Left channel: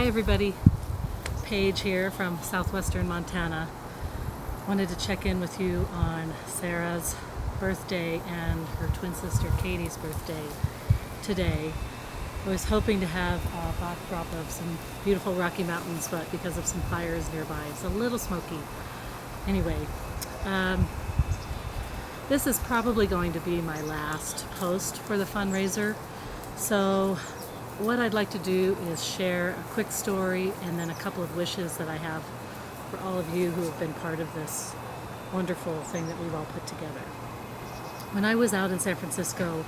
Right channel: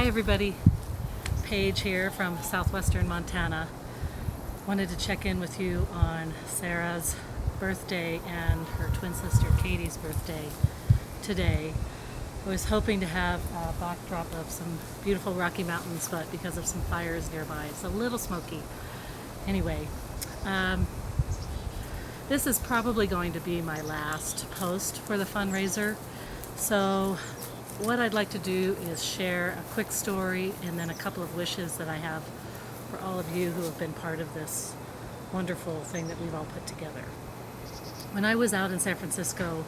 Hi everybody, Paige here from southwestern Montana. Wanted to check in with you on Sarah's birthday and her twin sister Katie's birthday today. I was hoping to have a backdrop of some beautiful Rocky Mountains, but because of some fires nearby, it's a little smoky. Anyway, this is probably going to be my last post for the fundraiser. So what I'd like to do is share a quick story and then a couple of wishes that I have for all of you who have been part of this wonderful thing that we've all put together. When I was out in San Francisco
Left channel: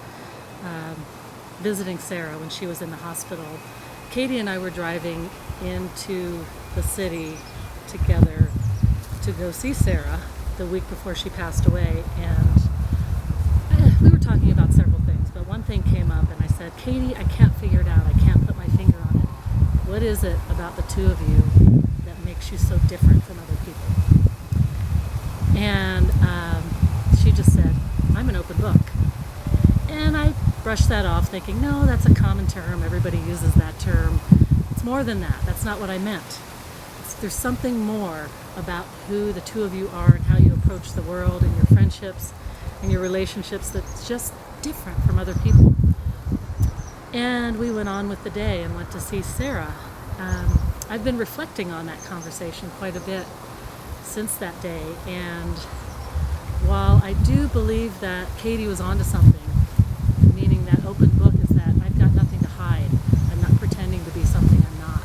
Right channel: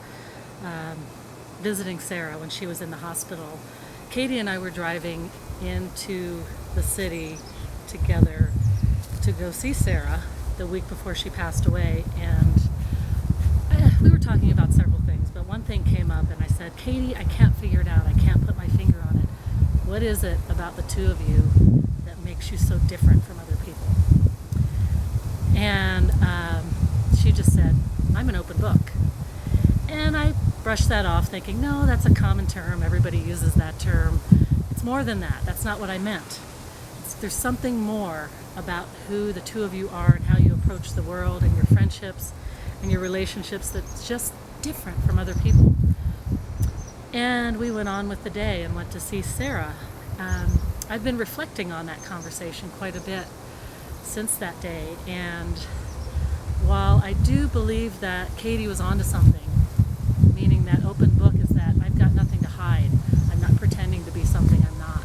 visiting Sarah when she was in the hospital, Katie and I were driving into the city together to go see Sarah the week before she passed away, and we were talking about several things, but one thing came up and I said, Katie, I can't figure it out. I can't put my finger on it. What is it about the two of you that makes you so different from other people? And she just said, I'm an open book. And I brushed that off thinking, no, that's a common term. Everybody uses that term. It's more than that. That's not what I meant. There's something more about who the two of you are and how you approach the world and your friendships and your relationships that's just different from other people. And we went on with the day and went to see Sarah. I've been reflecting on that conversation quite a bit since that day, and while I do believe that Katie was onto something, meaning that open book is that I've got nothing to hide. I'm not pretending to be something I'm not.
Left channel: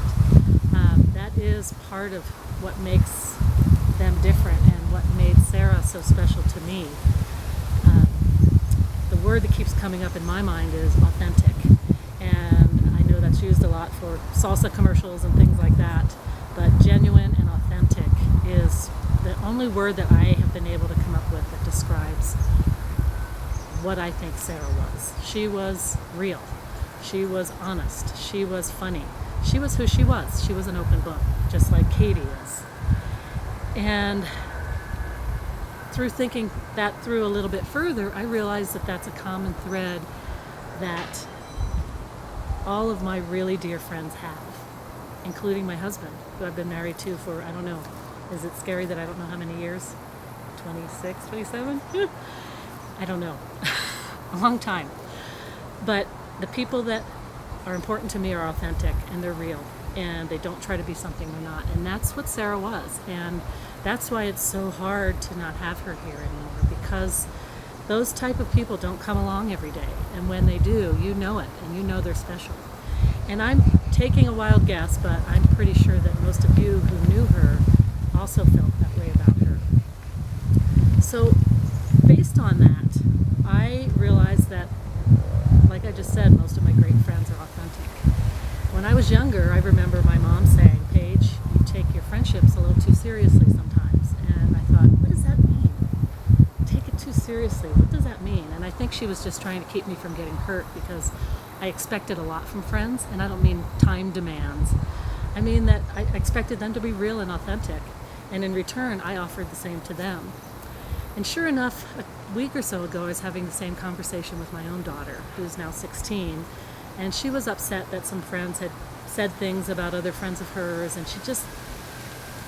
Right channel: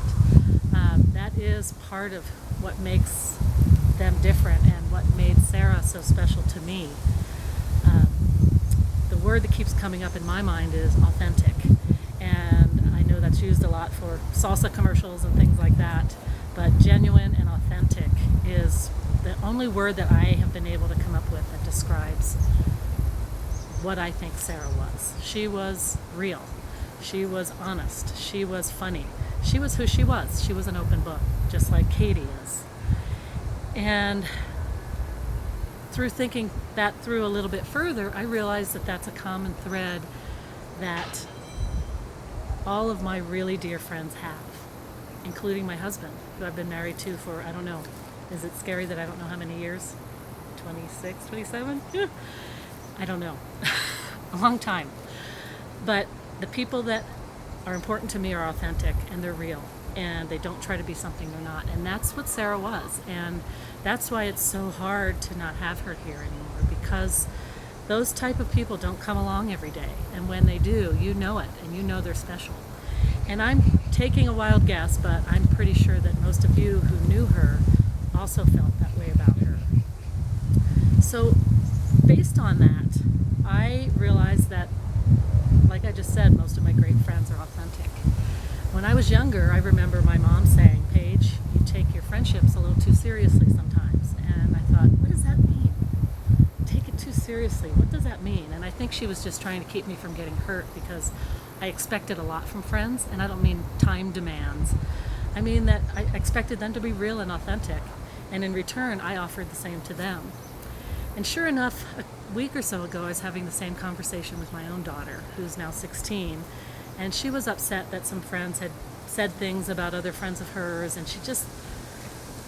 That is part of what makes them different and what made Sarah so special to me. The word that keeps coming up in my mind is authentic, and I know that's used a lot for salsa commercials and things like that, but genuine and authentic is the only word that I have been able to come up with that describes what I think Sarah was. She was real. She was honest. She was funny. She was who she was. She was an open book, just like Katie is. And through thinking that through a little bit further, I realized that that's a common thread that all of my really dear friends have, including my husband, who I've been married to for, I don't know, is it scary that I don't know how many years? 26, 27? I don't know. A long time. But the people that are important to me are authentic and they're real, and they don't try to be something they're not. And that's what Sarah was. And that's why it's so hard to not have her here anymore, because those type of people don't come along every day. And when they do, you know it, and you know they're special. And I'm taking a wild guess, but I'm pretty sure that most of you who knew her also felt that way about her. So based on that, I realized that, like I just said, most of my great friends are authentic. When I was younger, I remember my mom saying, Paige, you take your friendships a little too seriously sometimes. And I thought, what does that mean? Take it too seriously. What does that mean? And I think she was just trying to keep me from getting hurt, because I expected a lot from friends, and I don't mean time demands. I mean that I expected them to be real and authentic, and in return, I offered the same to them. And sure enough, a week or so ago, I was having the same conversation with my own daughter, who's now 16, and she was upset that some friends had said things about other friends of hers, and she just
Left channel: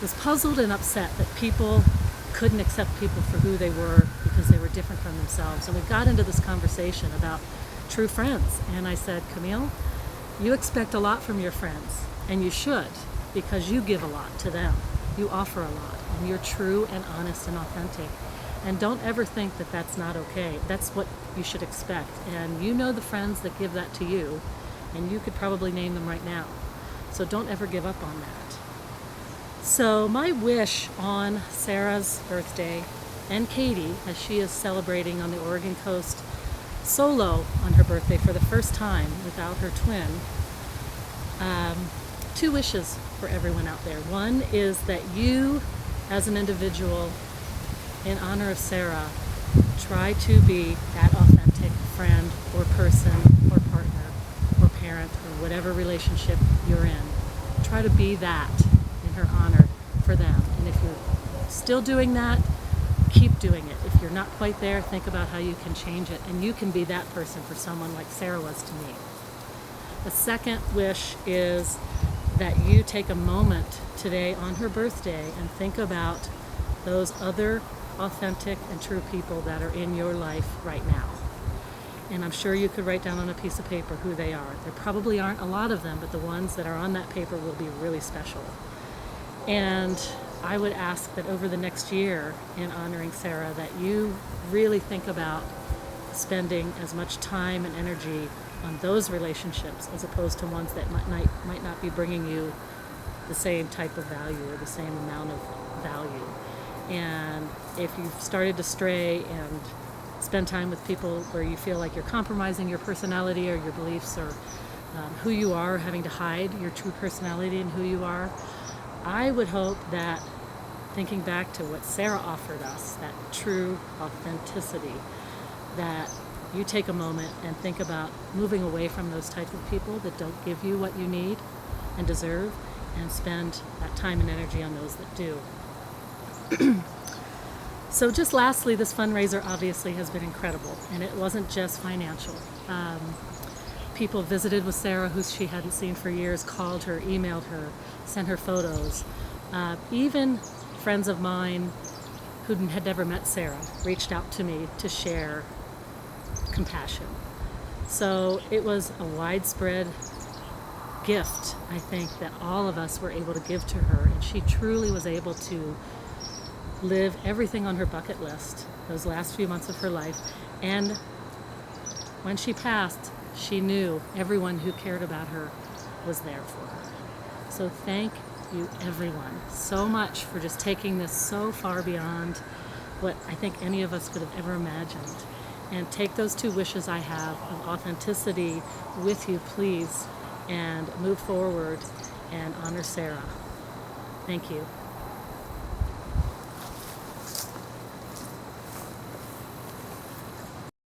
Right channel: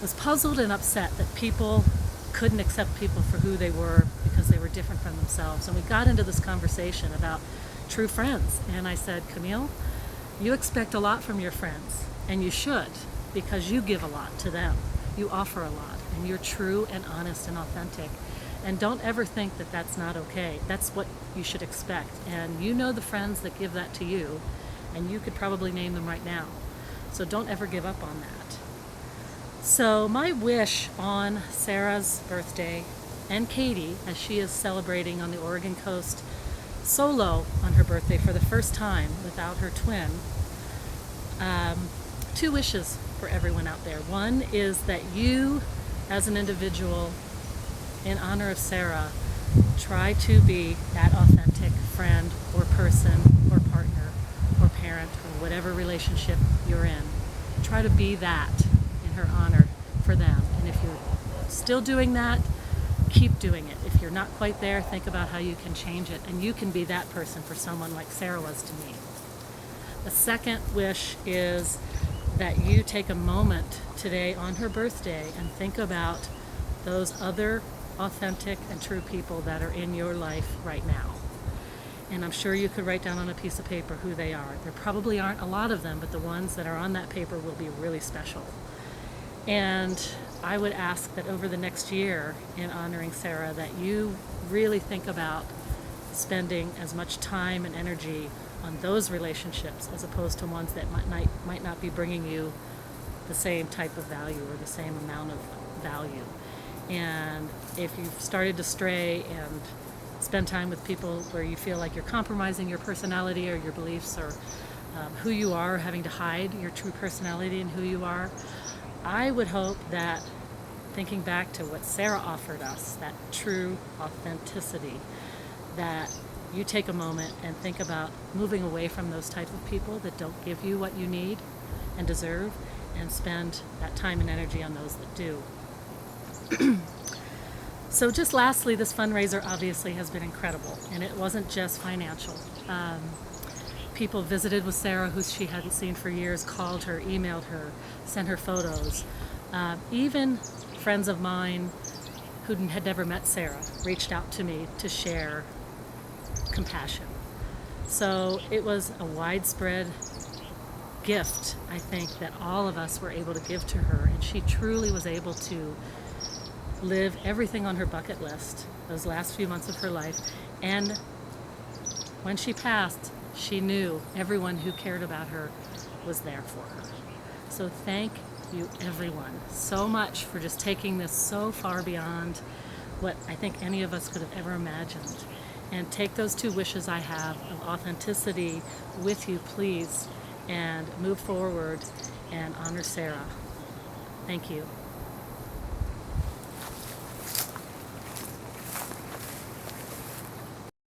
was puzzled and upset that people couldn't accept people for who they were because they were different from themselves. And we got into this conversation about true friends, and I said, Camille, you expect a lot from your friends, and you should, because you give a lot to them. You offer a lot, and you're true and honest and authentic. And don't ever think that that's not okay. That's what you should expect. And you know the friends that give that to you, and you could probably name them right now. So don't ever give up on that. So my wish on Sarah's birthday, and Katie, as she is celebrating on the Oregon coast solo on her birthday for the first time without her twin, two wishes for everyone out there. One is that you, as an individual, in honor of Sarah, try to be that authentic friend or person or partner or parent or whatever relationship you're in. Try to be that in her honor for them. And if you're still doing that, keep doing it. If you're not quite there, think about how you can change it, and you can be that person for someone like Sarah was to me. The second wish is that you take a moment today on her birthday and think about those other authentic and true people that are in your life right now. And I'm sure you could write down on a piece of paper who they are. There probably aren't a lot of them, but the ones that are on that paper will be really special. And I would ask that over the next year in honoring Sarah, that you really think about spending as much time and energy on those relationships as opposed to ones that might not be bringing you the same type of value or the same amount of value. And if you've started to stray and spend time with people where you feel like you're compromising your personality or your beliefs or who you are, having to hide your true personality and who you are, I would hope that thinking back to what Sarah offered us, that true authenticity, that you take a moment and think about moving away from those types of people that don't give you what you need and deserve, and spend that time and energy on those that do. So just lastly, this fundraiser obviously has been incredible, and it wasn't just financial. People visited with Sarah who she hadn't seen for years, called her, emailed her, sent her photos. Even friends of mine who had never met Sarah reached out to me to share compassion. So it was a widespread gift, I think, that all of us were able to give to her, and she truly was able to live everything on her bucket list those last few months of her life. And when she passed, she knew everyone who cared about her was there for her. So thank you, everyone, so much for just taking this so far beyond what I think any of us could have ever imagined. And take those two wishes I have of authenticity with you, please, and move forward and honor Sarah. Thank you.